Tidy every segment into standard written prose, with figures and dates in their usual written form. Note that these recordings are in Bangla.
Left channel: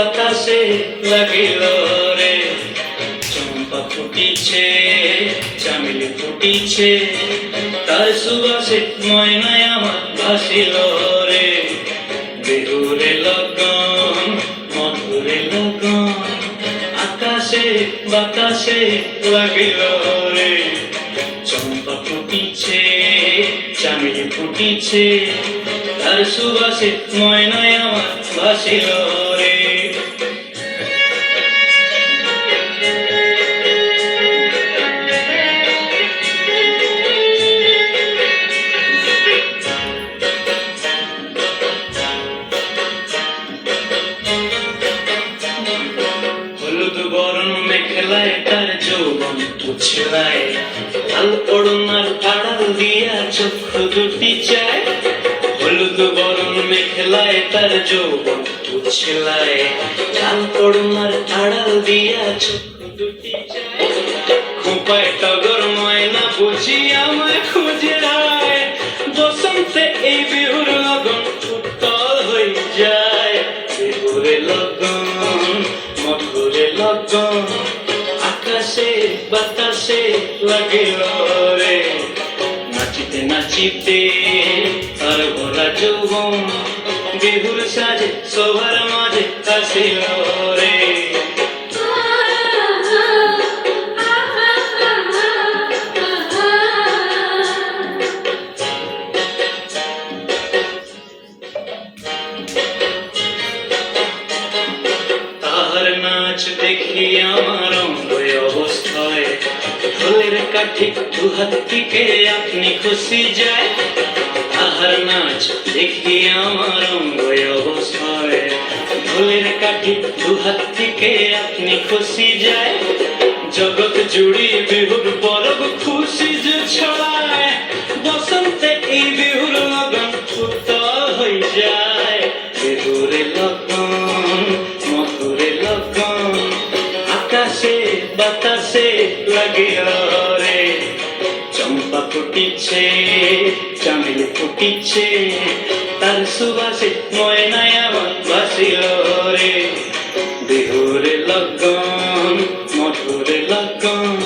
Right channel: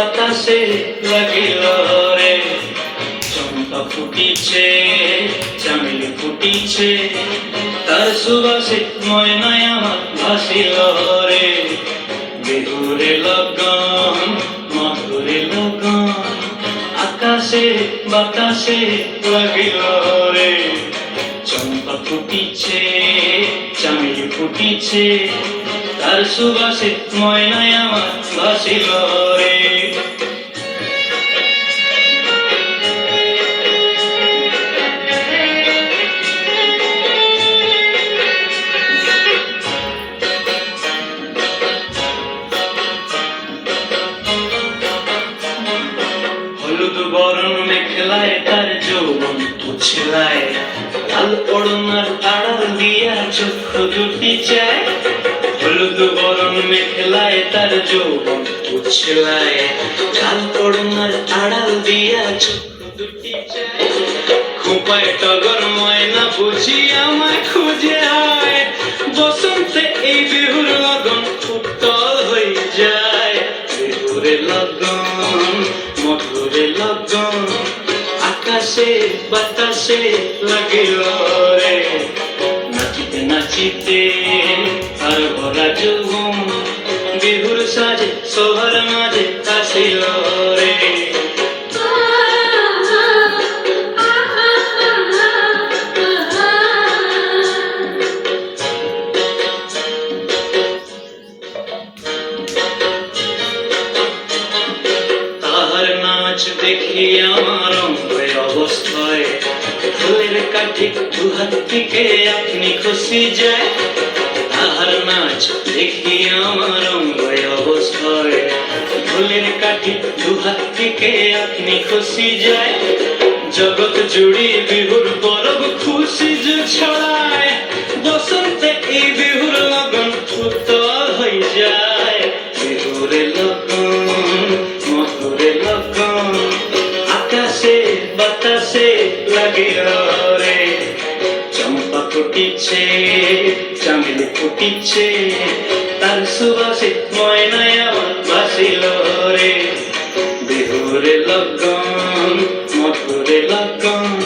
বাতাসে লাগিল রে। চম্পা ফুটিছে, চামেলি ফুটিছে, তার সুবাসে ময়নায় আমার ভাসিল রে। বিহুরে লগন, মধুরে লগন, আকাশে বাতাসে লাগিল রে। চম্পা ফুটিছে, চামেলি ফুটিছে, তার সুবাসে ময়নায় আমার ভাসিল রে। হলুদ বরণ মেখলায় তার যৌবন উছলায়, লাল ওড়নার আড়াল দিয়া চক্ষু দুটি চায়। হলুদ বরণ মেখলায় তার যৌবন উছলায়, লাল ওড়নার আড়াল দিয়া চক্ষু দুটি চায়। খোঁপায় টগর ময়না বুঝি আমায় খুঁজে আয়, বসন্তে এই বিহুর লগন উত্তল হয়ে যায়। বিহুরে লগন, মধুরে লগন, আকাশে বাতাসে লাগিল রে। নাচিতে নাচিতে আর ভরা যৌবন, বিহুর সাজে সবার মাঝে আসিল রে। দেখি আমার অঙ্গে অবস্থায়, ফুলের কাঠি দুহাত থেকে আপনি খুশি যায়। তাহার নাচ দেখি আমার অঙ্গে অবস্থায়, ফুলের কাঠি দুহাত থেকে আপনি খুশি যায়। জগৎ জুড়ি বিহুর পরব খুশি যে ছড়ায়, বসন্তে এই বিহুর লগন উত্তল হয়ে যায়। বিহুরে লগন, মধুরে লগন, আকাশে বাতাসে লাগিল রে। চম্পা ফুটিছে, চামেলি ফুটিছে, তার সুবাসে ময়নায় আমার ভাসিল রে। বিহুরে লগন, মধুরে লগন,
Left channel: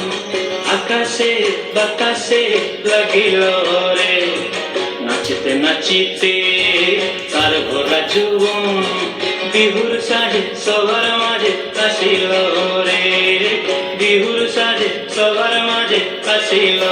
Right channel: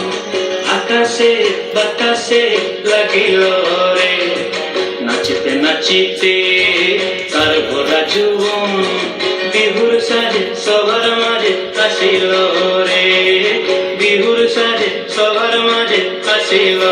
আকাশে বাতাসে লাগিল রে। নাচিতে নাচিতে তার ভরা যৌবন, বিহুর সাজে সবার মাঝে আসিল রে। বিহুর সাজে সবার মাঝে আসিল